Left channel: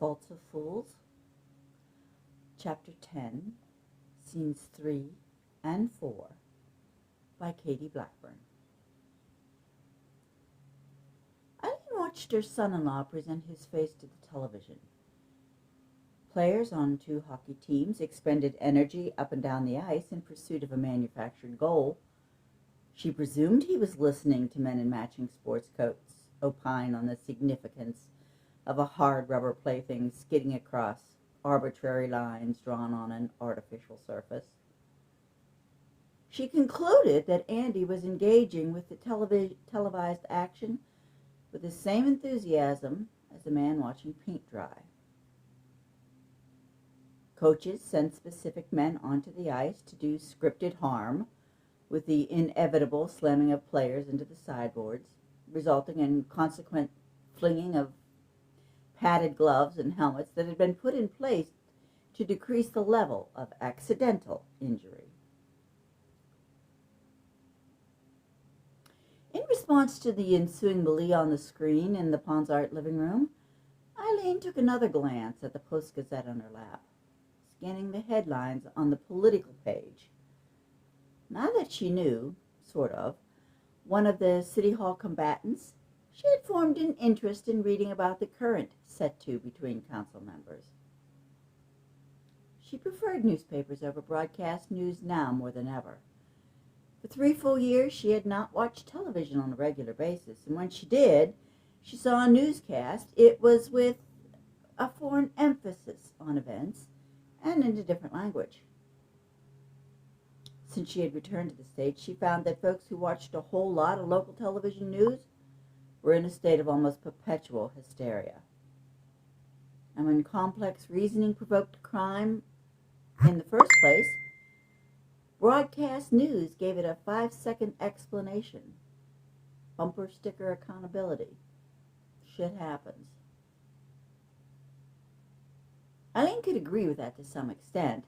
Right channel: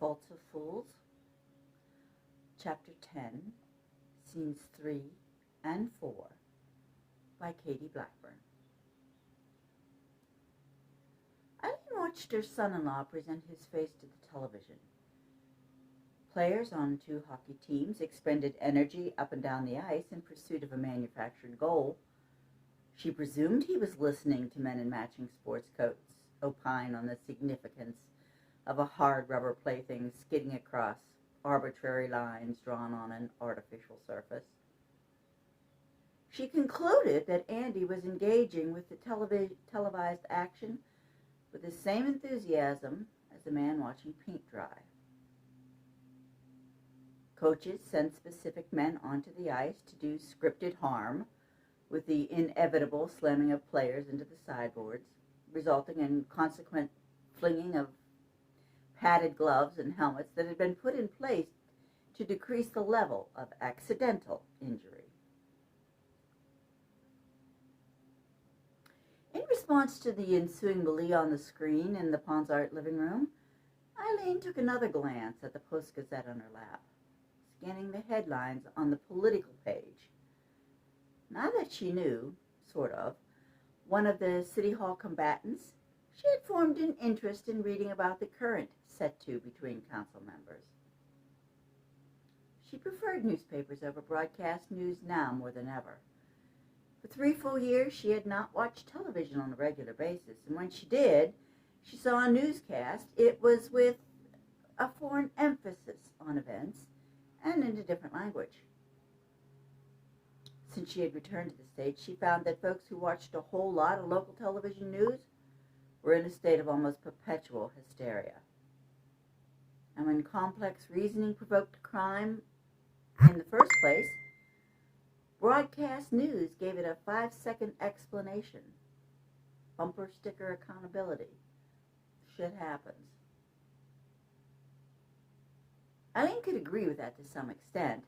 Faults of Fools, Chapter 10, Scenes 3 and 4, by Katie Blackburn. Eileen watched her son-in-law present his face to the television. Players on two hockey teams expended energy up and down the ice in pursuit of a manufactured goal. She presumed he was listening to men in matching sports coats opine on the significance of a hard rubber plaything skidding across arbitrary lines drawn on an artificial surface. She concluded that Andy was engaging with the televised action with the same enthusiasm as a man watching paint dry. Coaches send specific men onto the ice to do scripted harm, with the inevitable slamming of players into the sideboards, resulting in consequent flinging of padded gloves and helmets that had been put in place to decrease the level of accidental injury. In response to the ensuing melee on the screen in the Ponsart living room, Eileen took another glance at the Post-Gazette on her lap, scanning the headlines on the political page. Now that she knew, sort of, one of the City Hall combatants, she had formed an interest in reading about the current set-to between council members. She preferred newspapers over broadcast news now more than ever. For 3 full years, she had not watched television on a regular basis, and when she did, she saw a newscast. It was with a foreign emphasis on events and in a different language. Since she had returned to the States, she found that folks who watched a whole lot of local television news were in a state of almost perpetual hysteria. And when complex reasoning provoked crime in the first place, broadcast news gave it a 5-second explanation. Bumper sticker accountability. Shit happens. Eileen could agree with that to some extent.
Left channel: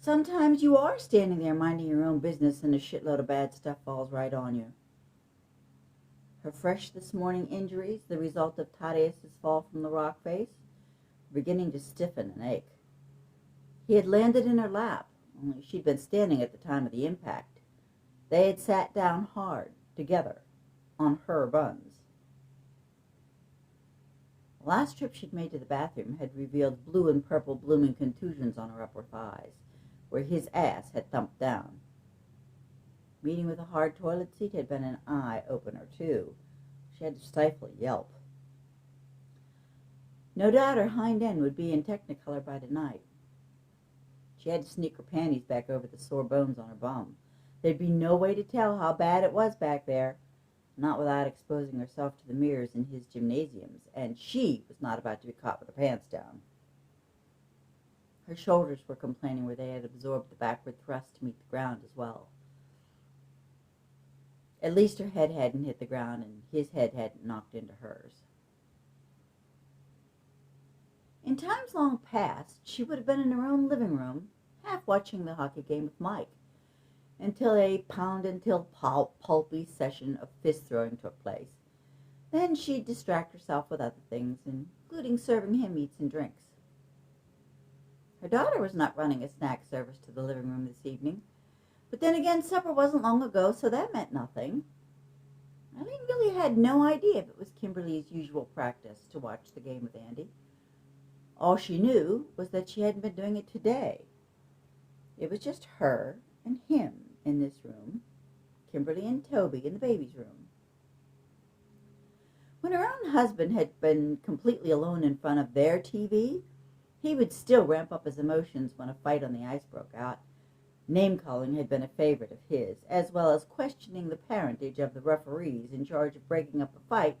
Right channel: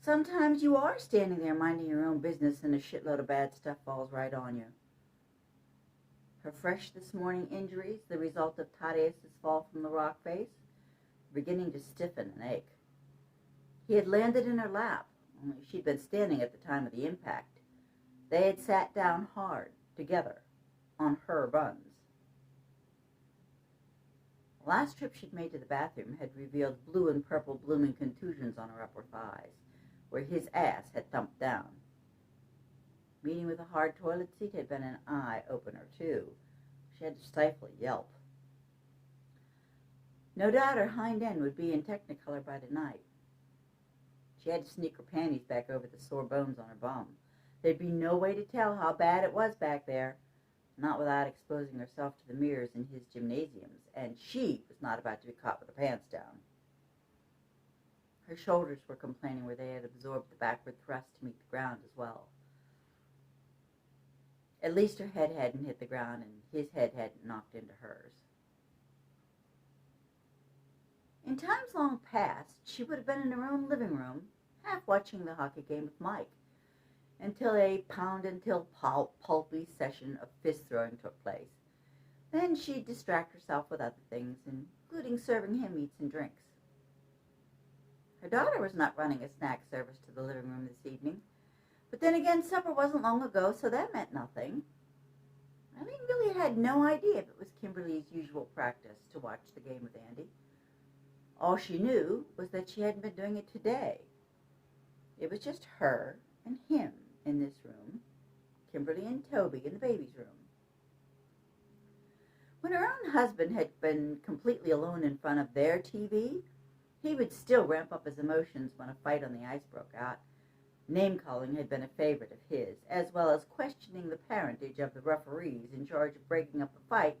Sometimes you are standing there minding your own business and a shitload of bad stuff falls right on you. Her fresh this morning injuries, the result of Thaddeus' fall from the rock face, were beginning to stiffen and ache. He had landed in her lap, only she'd been standing at the time of the impact. They had sat down hard, together, on her buns. The last trip she'd made to the bathroom had revealed blue and purple blooming contusions on her upper thighs, where his ass had thumped down. Meeting with a hard toilet seat had been an eye-opener, too. She had to stifle a yelp. No doubt her hind end would be in Technicolor by tonight. She had to sneak her panties back over the sore bones on her bum. There'd be no way to tell how bad it was back there, not without exposing herself to the mirrors in his gymnasiums, and she was not about to be caught with her pants down. Her shoulders were complaining where they had absorbed the backward thrust to meet the ground as well. At least her head hadn't hit the ground, and his head hadn't knocked into hers. In times long past, she would have been in her own living room, half watching the hockey game with Mike, until a pound-until-pulpy session of fist-throwing took place. Then she'd distract herself with other things, including serving him meats and drinks. Her daughter was not running a snack service to the living room this evening, but then again, supper wasn't long ago, so that meant nothing. Eileen really had no idea if it was Kimberly's usual practice to watch the game with Andy. All she knew was that she hadn't been doing it today. It was just her and him in this room, Kimberly and Toby in the baby's room. When her own husband had been completely alone in front of their TV, he would still ramp up his emotions when a fight on the ice broke out. Name-calling had been a favorite of his, as well as questioning the parentage of the referees in charge of breaking up the fight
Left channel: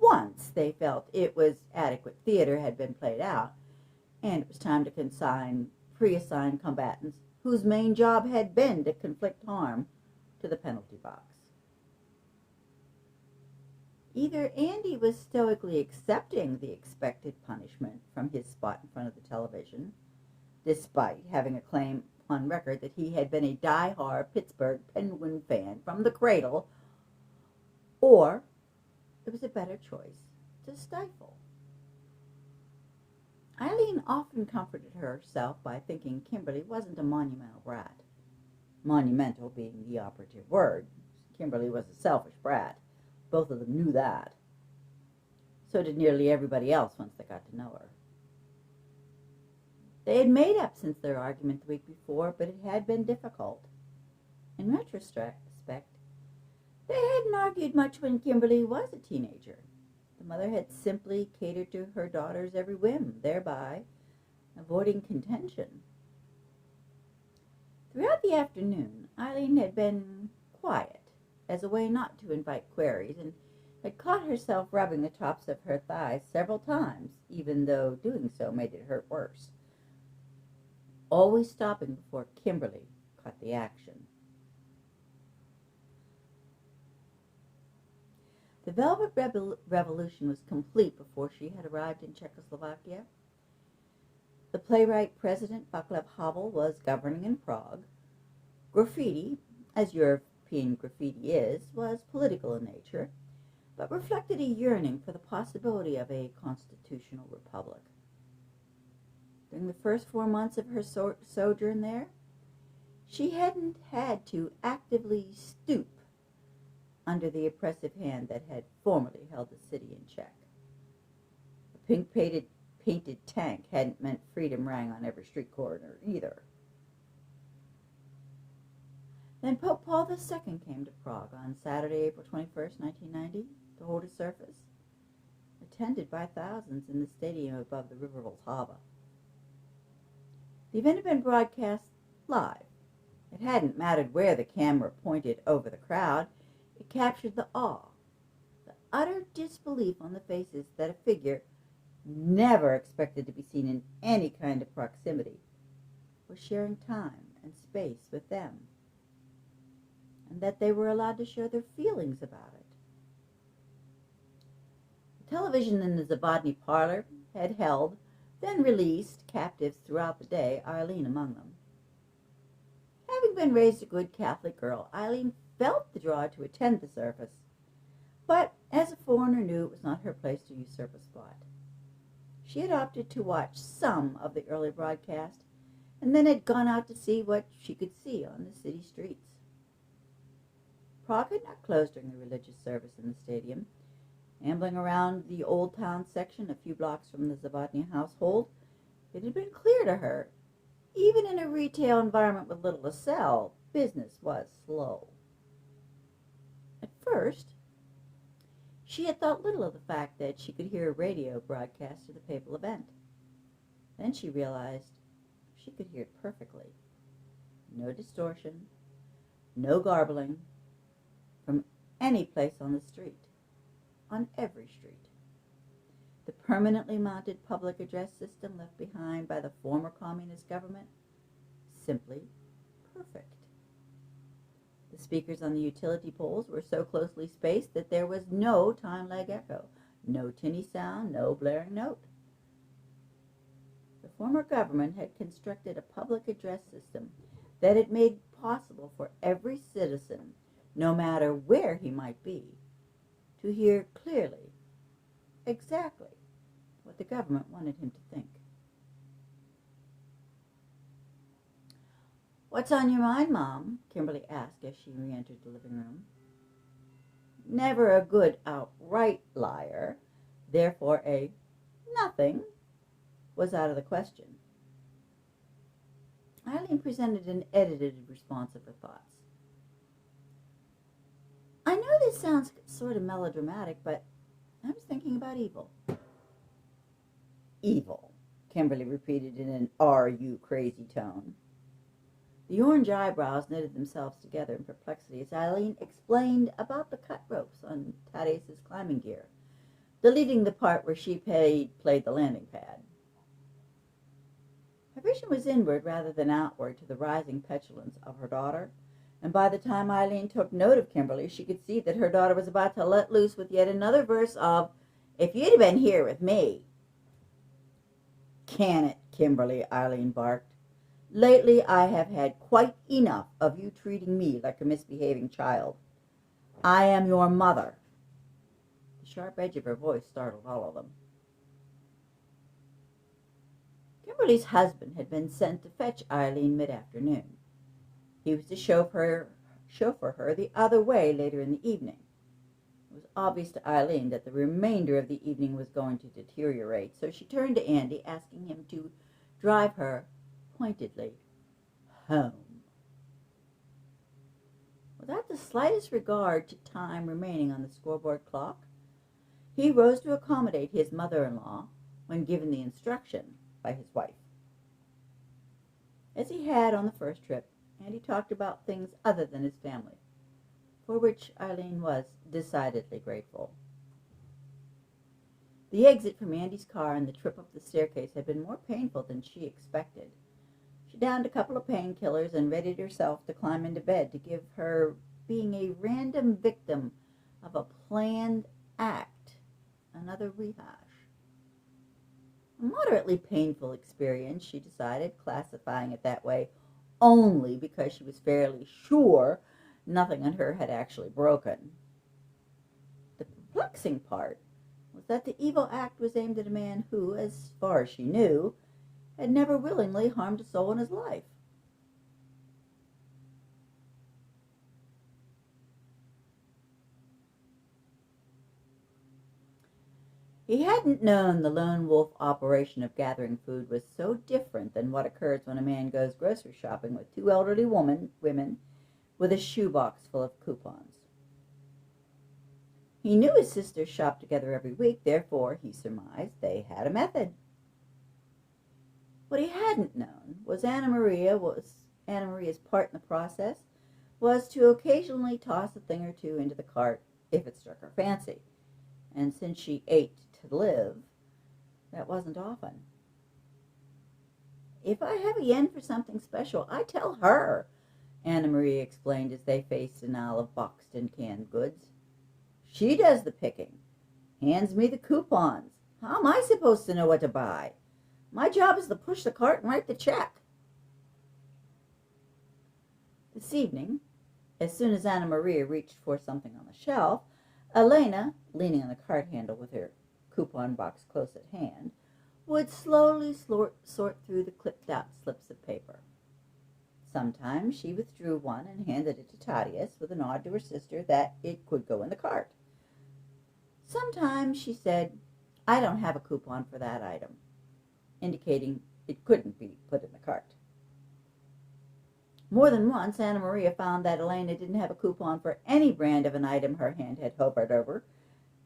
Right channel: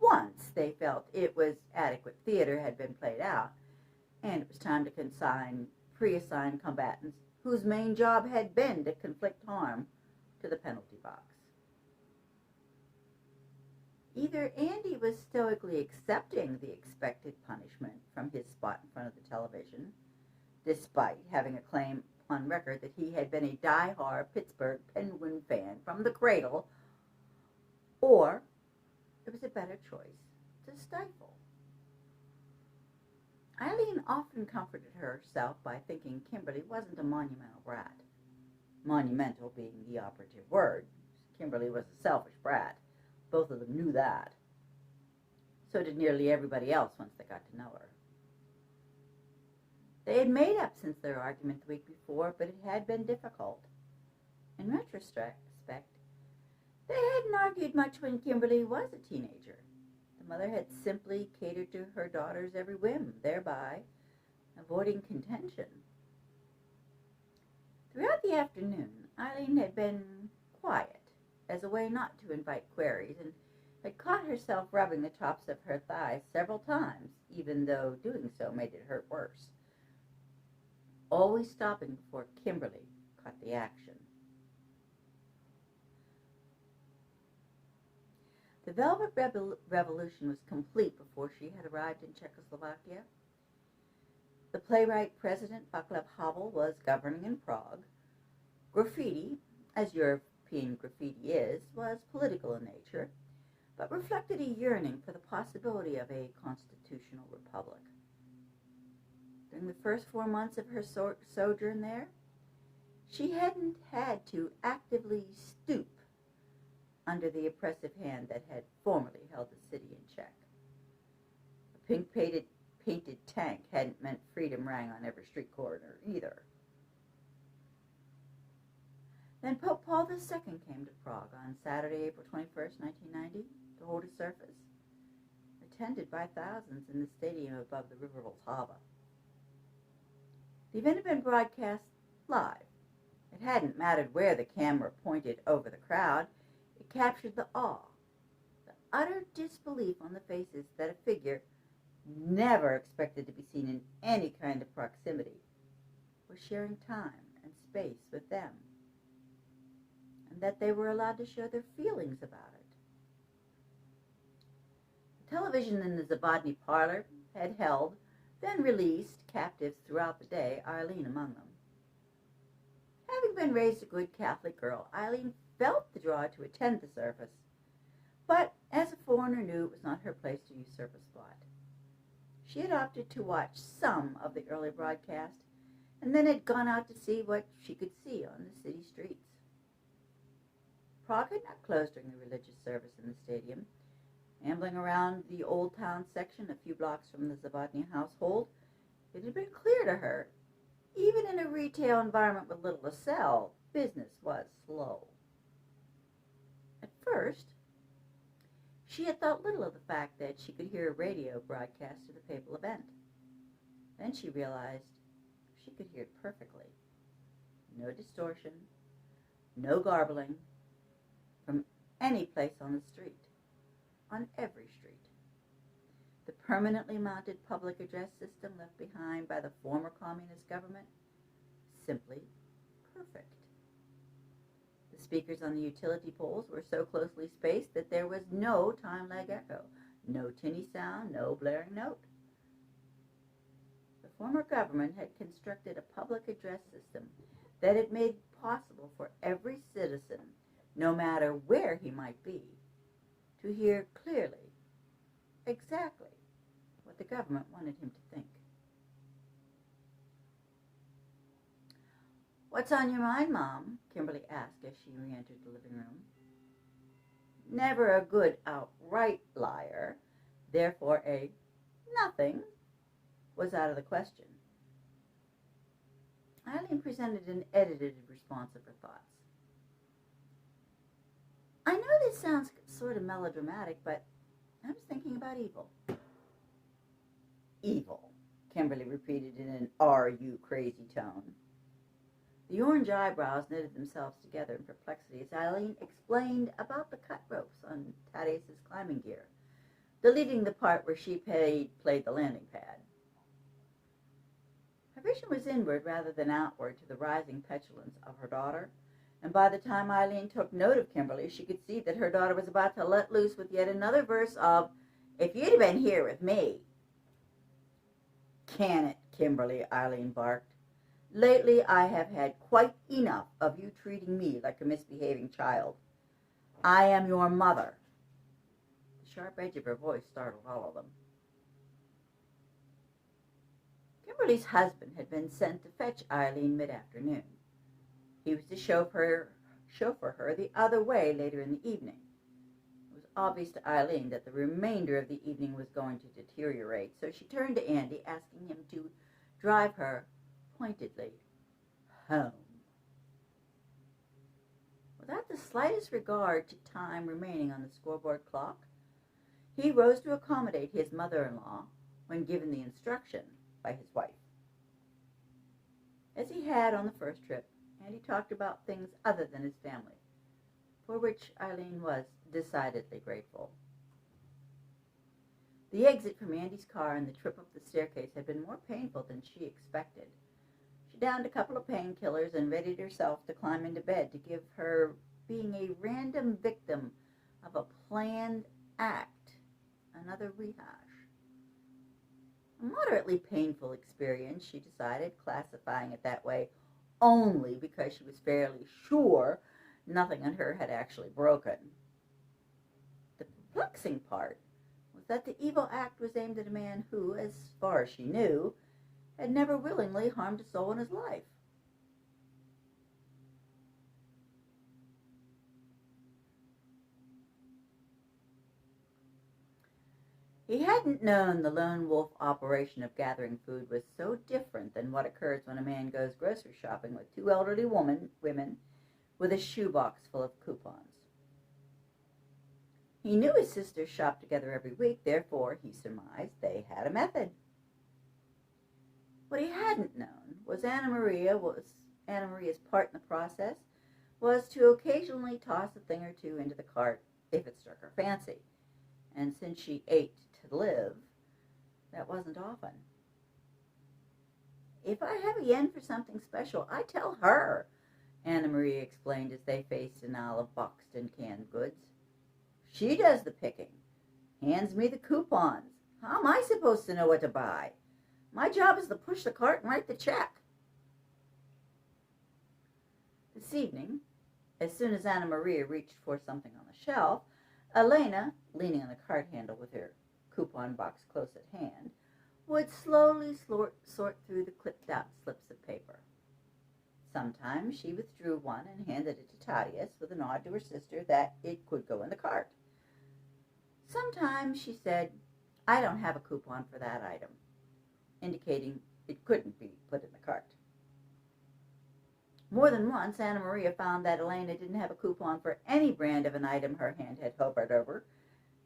once they felt it was adequate theater had been played out, and it was time to pre-assign combatants whose main job had been to inflict harm to the penalty box. Either Andy was stoically accepting the expected punishment from his spot in front of the television, despite having a claim on record that he had been a die-hard Pittsburgh Penguin fan from the cradle, or it was a better choice to stifle. Eileen often comforted herself by thinking Kimberly wasn't a monumental brat. Monumental being the operative word. Kimberly was a selfish brat. Both of them knew that. So did nearly everybody else once they got to know her. They had made up since their argument the week before, but it had been difficult. In retrospect, they hadn't argued much when Kimberly was a teenager. The mother had simply catered to her daughter's every whim, thereby avoiding contention. Throughout the afternoon, Eileen had been quiet, as a way not to invite queries, and had caught herself rubbing the tops of her thighs several times, even though doing so made it hurt worse, always stopping before Kimberly caught the action. The Velvet Revolution was complete before she had arrived in Czechoslovakia. The playwright President Václav Havel was governing in Prague. Graffiti, as European graffiti is, was political in nature, but reflected a yearning for the possibility of a constitutional republic. During the first 4 months of her sojourn there, she hadn't had to actively stoop under the oppressive hand that had formerly held the city in check. A pink-painted tank hadn't meant freedom rang on every street corner either. Then Pope Paul II came to Prague on Saturday, April 21st, 1990, to hold a service, attended by thousands in the stadium above the river Vltava. The event had been broadcast live. It hadn't mattered where the camera pointed over the crowd. It captured the awe, the utter disbelief on the faces that a figure never expected to be seen in any kind of proximity was sharing time and space with them, and that they were allowed to share their feelings about it. The television in the Zabodny parlor had held, then released, captives throughout the day, Eileen among them. Having been raised a good Catholic girl, Eileen felt the draw to attend the service, but as a foreigner knew it was not her place to usurp a spot. She had opted to watch some of the early broadcast, and then had gone out to see what she could see on the city streets. Prague had not closed during the religious service in the stadium. Ambling around the Old Town section a few blocks from the Zabodny household, it had been clear to her, even in a retail environment with little to sell, business was slow. At first, she had thought little of the fact that she could hear a radio broadcast of the papal event. Then she realized she could hear it perfectly. No distortion, no garbling, from any place on the street, on every street. The permanently mounted public address system left behind by the former communist government, simply perfect. The speakers on the utility poles were so closely spaced that there was no time lag echo, no tinny sound, no blaring note. The former government had constructed a public address system that it made possible for every citizen, no matter where he might be, to hear clearly exactly what the government wanted him to think. "What's on your mind, Mom?" Kimberly asked as she re-entered the living room. Never a good outright liar, therefore a nothing was out of the question. Eileen presented an edited response of her thoughts. "I know this sounds sort of melodramatic, but I was thinking about evil." "Evil," Kimberly repeated in an "are you crazy" tone. The orange eyebrows knitted themselves together in perplexity as Eileen explained about the cut ropes on Thaddeus' climbing gear, deleting the part where she played the landing pad. Her vision was inward rather than outward to the rising petulance of her daughter, and by the time Eileen took note of Kimberly, she could see that her daughter was about to let loose with yet another verse of, "If you'd have been here with me." "Can it, Kimberly," Eileen barked. "Lately I have had quite enough of you treating me like a misbehaving child. I am your mother." The sharp edge of her voice startled all of them. Beverly's husband had been sent to fetch Eileen mid-afternoon. He was to chauffeur her the other way later in the evening. It was obvious to Eileen that the remainder of the evening was going to deteriorate, so she turned to Andy, asking him to drive her pointedly home. Without the slightest regard to time remaining on the scoreboard clock, he rose to accommodate his mother-in-law when given the instruction by his wife. As he had on the first trip, Andy talked about things other than his family, for which Eileen was decidedly grateful. The exit from Andy's car and the trip up the staircase had been more painful than she expected. She downed a couple of painkillers and readied herself to climb into bed to give her being a random victim of a planned act another rehash. A moderately painful experience, she decided, classifying it that way only because she was fairly sure nothing on her had actually broken. The perplexing part was that the evil act was aimed at a man who, as far as she knew, had never willingly harmed a soul in his life. He hadn't known the lone wolf operation of gathering food was so different than what occurs when a man goes grocery shopping with two elderly women with a shoebox full of coupons. He knew his sisters shopped together every week, therefore, he surmised, they had a method. What he hadn't known was Anna Maria's part in the process was to occasionally toss a thing or two into the cart if it struck her fancy. And since she ate to live, that wasn't often. If I have a yen for something special, I tell her, Anna Maria explained as they faced an aisle of boxed and canned goods. She does the picking, hands me the coupons. How am I supposed to know what to buy? My job is to push the cart and write the check. This evening, as soon as Anna Maria reached for something on the shelf, Elena, leaning on the cart handle with her coupon box close at hand, would slowly sort through the clipped-out slips of paper. Sometimes she withdrew one and handed it to Thaddeus with a nod to her sister that it could go in the cart. Sometimes she said, "I don't have a coupon for that item," indicating it couldn't be put in the cart. More than once, Anna Maria found that Elena didn't have a coupon for any brand of an item her hand had hovered over,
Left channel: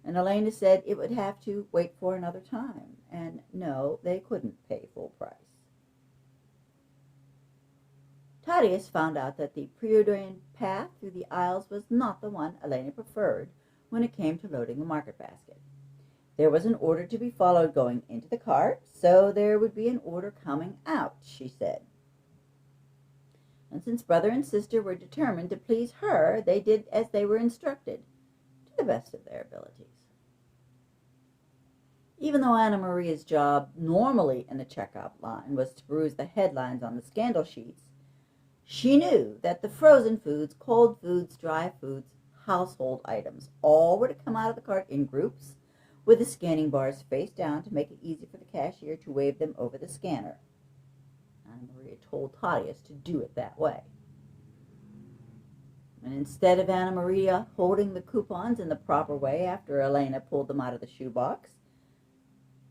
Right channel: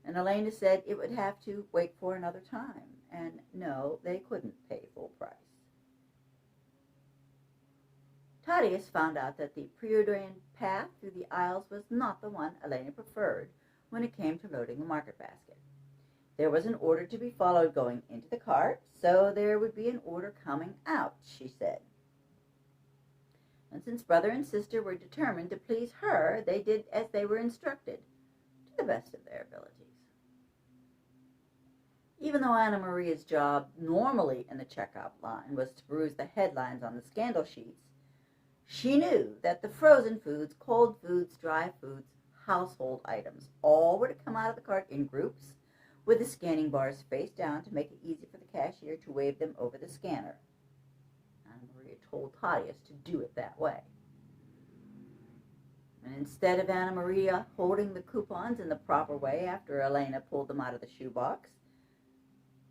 and Elena said it would have to wait for another time, and no, they couldn't pay full price. Thaddeus found out that the preordained path through the aisles was not the one Elena preferred when it came to loading the market basket. There was an order to be followed going into the cart, so there would be an order coming out, she said. And since brother and sister were determined to please her, they did as they were instructed, to the best of their abilities. Even though Anna Maria's job normally in the checkout line was to peruse the headlines on the scandal sheets, she knew that the frozen foods, cold foods, dry foods, household items, all were to come out of the cart in groups, with the scanning bars face down to make it easy for the cashier to wave them over the scanner. Anna Maria told Thaddeus to do it that way. And instead of Anna Maria holding the coupons in the proper way after Elena pulled them out of the shoebox,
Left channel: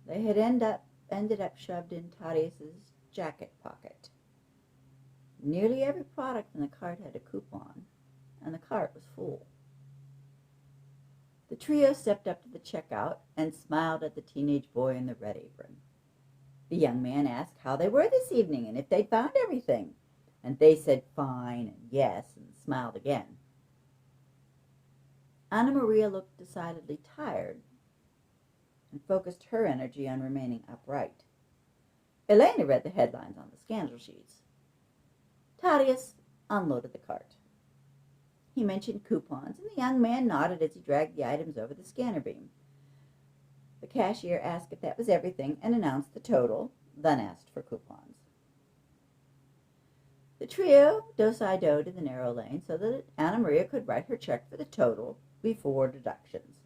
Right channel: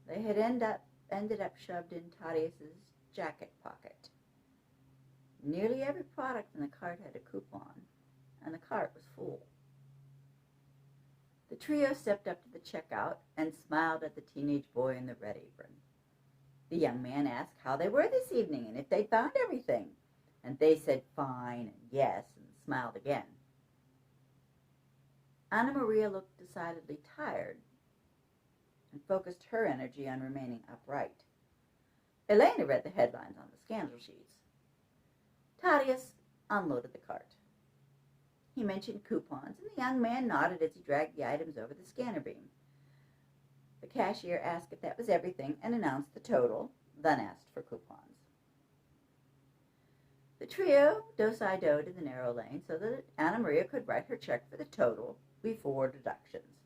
they had ended up shoved in Thaddeus's jacket pocket. Nearly every product in the cart had a coupon, and the cart was full. The trio stepped up to the checkout and smiled at the teenage boy in the red apron. The young man asked how they were this evening and if they'd found everything, and they said fine and yes and smiled again. Anna Maria looked decidedly tired and focused her energy on remaining upright. Elena read the headlines on the scandal sheets. Thaddeus unloaded the cart. He mentioned coupons, and the young man nodded as he dragged the items over the scanner beam. The cashier asked if that was everything and announced the total, then asked for coupons. The trio do-si-doed in the narrow lane so that Anna Maria could write her check for the total before deductions.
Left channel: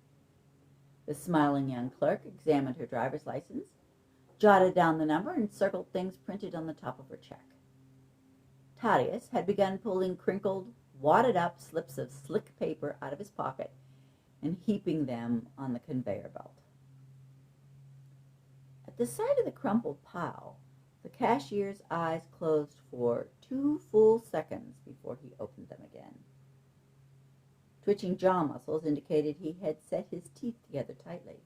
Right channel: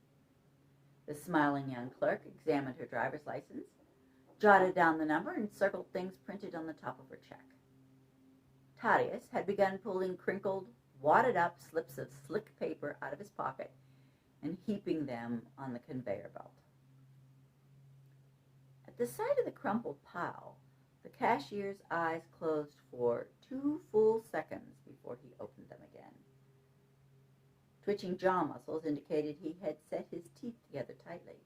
The smiling young clerk examined her driver's license, jotted down the number, and circled things printed on the top of her check. Thaddeus had begun pulling crinkled, wadded-up slips of slick paper out of his pocket and heaping them on the conveyor belt. At the sight of the crumpled pile, the cashier's eyes closed for 2 full seconds before he opened them again. Twitching jaw muscles indicated he had set his teeth together tightly.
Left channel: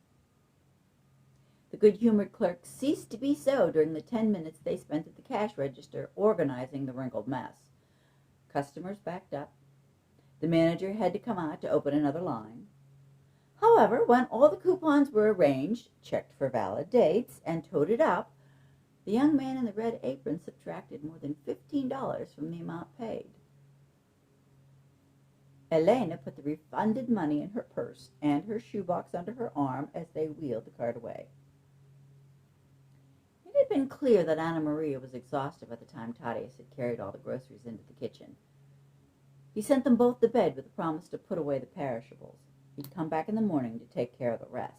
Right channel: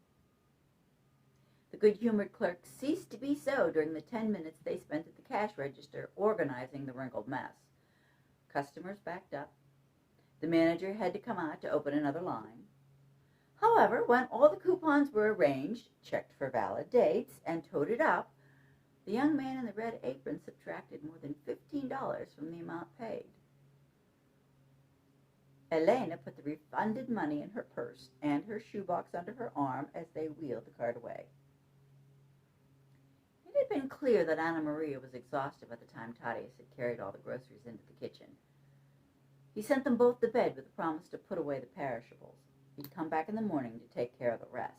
The good-humored clerk ceased to be so during the 10 minutes they spent at the cash register organizing the wrinkled mess. Customers backed up. The manager had to come out to open another line. However, when all the coupons were arranged, checked for valid dates, and toted up, the young man in the red apron subtracted more than $15 from the amount paid. Elena put the refunded money in her purse and her shoebox under her arm as they wheeled the cart away. It had been clear that Anna Maria was exhausted by the time Thaddeus had carried all the groceries into the kitchen. He sent them both to bed with a promise to put away the perishables. He'd come back in the morning to take care of the rest.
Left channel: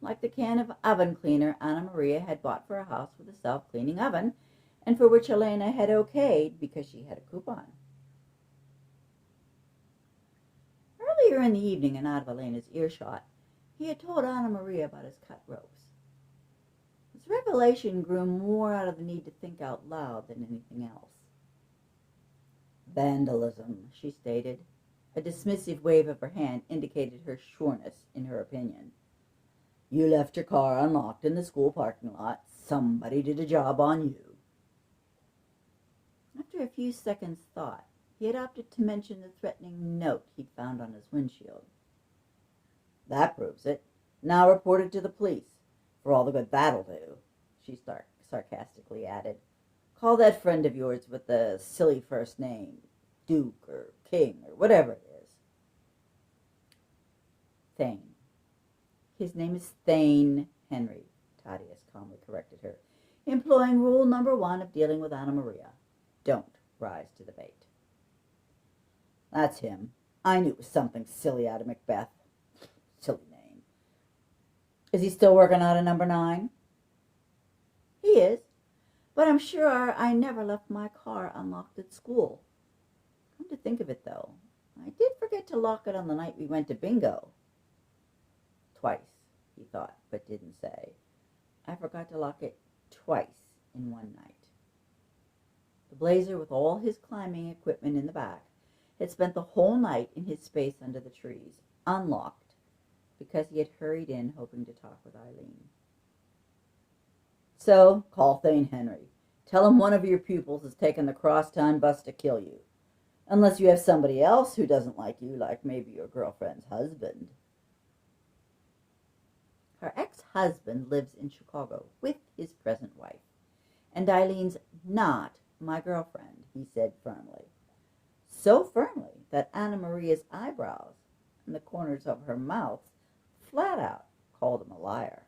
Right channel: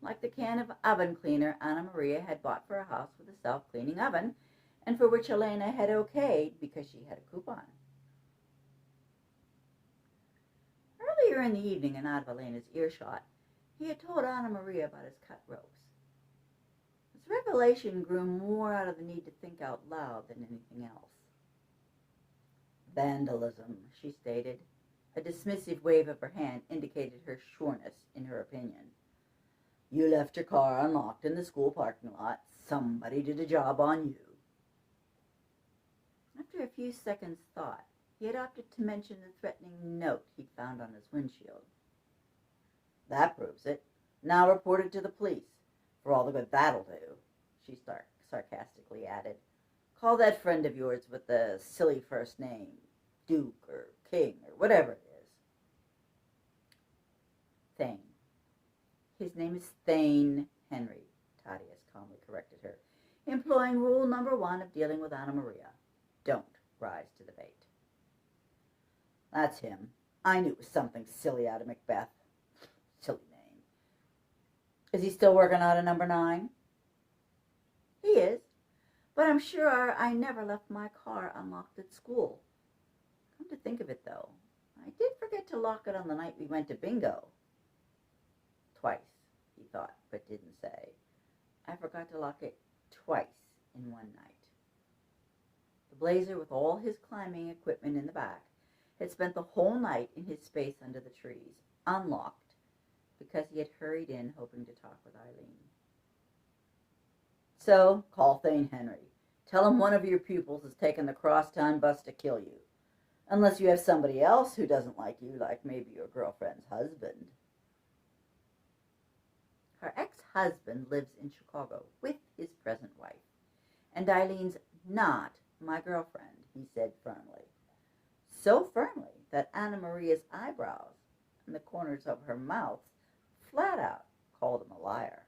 Like the can of oven cleaner Anna Maria had bought for a house with a self-cleaning oven, and for which Elena had okayed because she had a coupon. Earlier in the evening, and out of Elena's earshot, he had told Anna Maria about his cut ropes. His revelation grew more out of the need to think out loud than anything else. "Vandalism," she stated. A dismissive wave of her hand indicated her sureness in her opinion. "You left your car unlocked in the school parking lot. Somebody did a job on you." After a few seconds' thought, he had opted to mention the threatening note he'd found on his windshield. "That proves it. Now report it to the police, for all the good that'll do," she sarcastically added. "Call that friend of yours with the silly first name, Duke or King or whatever it is." "Thane. His name is Thane Henry," Thaddeus calmly corrected her, employing rule number 1 of dealing with Anna Maria. Don't rise to the bait. "That's him. I knew it was something silly out of Macbeth. Silly name. Is he still working out of number 9? "He is, but I'm sure I never left my car unlocked at school. Come to think of it, though, I did forget to lock it on the night we went to bingo." "Twice," he thought, but didn't say. "I forgot to lock it twice in one night." The Blazer, with all his climbing equipment in the back, had spent the whole night in his space under the trees, unlocked, because he had hurried in hoping to talk with Eileen. "So, call Thane Henry. Tell him one of your pupils has taken the crosstown bus to kill you. Unless you have somebody else who doesn't like you, like maybe your girlfriend's husband." Her ex-husband lives in Chicago with his present wife, and Eileen's not my girlfriend, he said firmly. So firmly that Anna Maria's eyebrows and the corners of her mouth flat out called him a liar.